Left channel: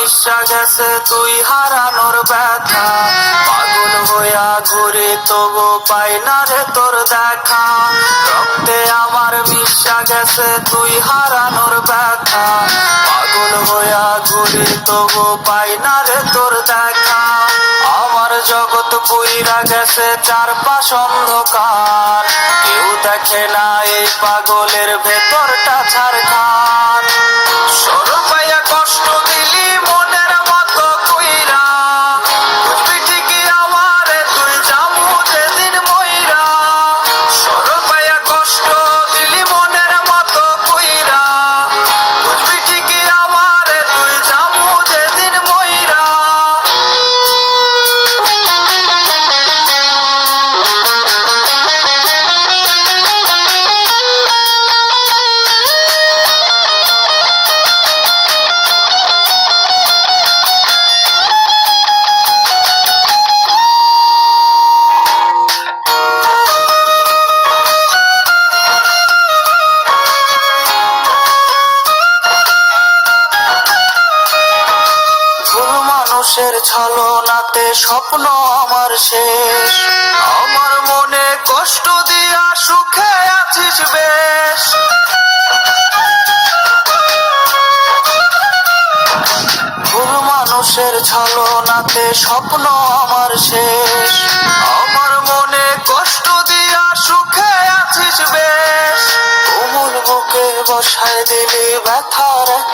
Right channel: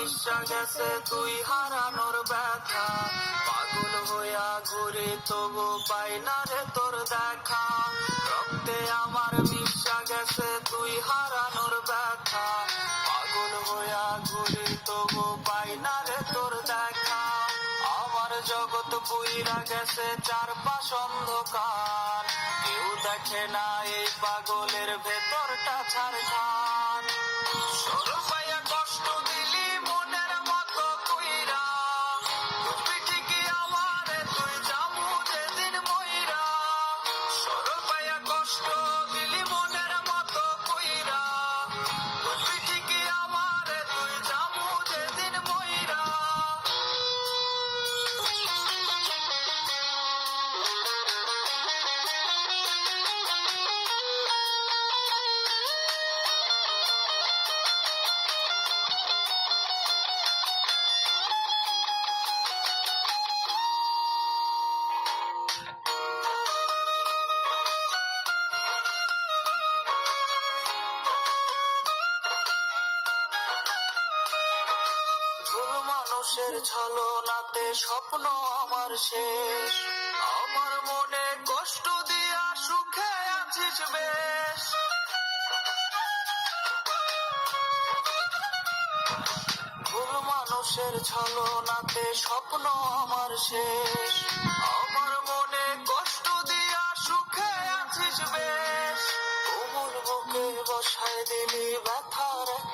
মিশা গেছে তুই হারানোর ব্যথা, পাগল হইয়া ঘুরি তবু পাই না রে তোর দেখা। রক্তে আমার মিশা গেছে তুই হারানোর ব্যথা, পাগল হইয়া ঘুরি তবু পাই না রে তোর দেখা। আমার জগৎ পুইরা গেছে চারপাশ অন্ধকার, কেউ দেখে না এই পাগলের ভেতরটা ছারখার। সরল পাইয়া কষ্ট দিলি মনের মতো কইরা, বুঝবি ঠিকই আমারে তুই যাবো যেদিন মইরা। সরল পাইয়া কষ্ট দিলি মনের মতো কইরা, বুঝবি ঠিকই আমারে তুই যাবো যেদিন মইরা। ভুল মানুষের ছলনাতে স্বপ্ন আমার শেষ, আমার মনে কষ্ট দিয়া সুখে আছিস বেশ। ভুল মানুষের ছলনাতে স্বপ্ন আমার শেষ, আমার মনে কষ্ট দিয়া সুখে আছিস বেশ। কোমল বুকে বসায় দিলি ব্যথার এক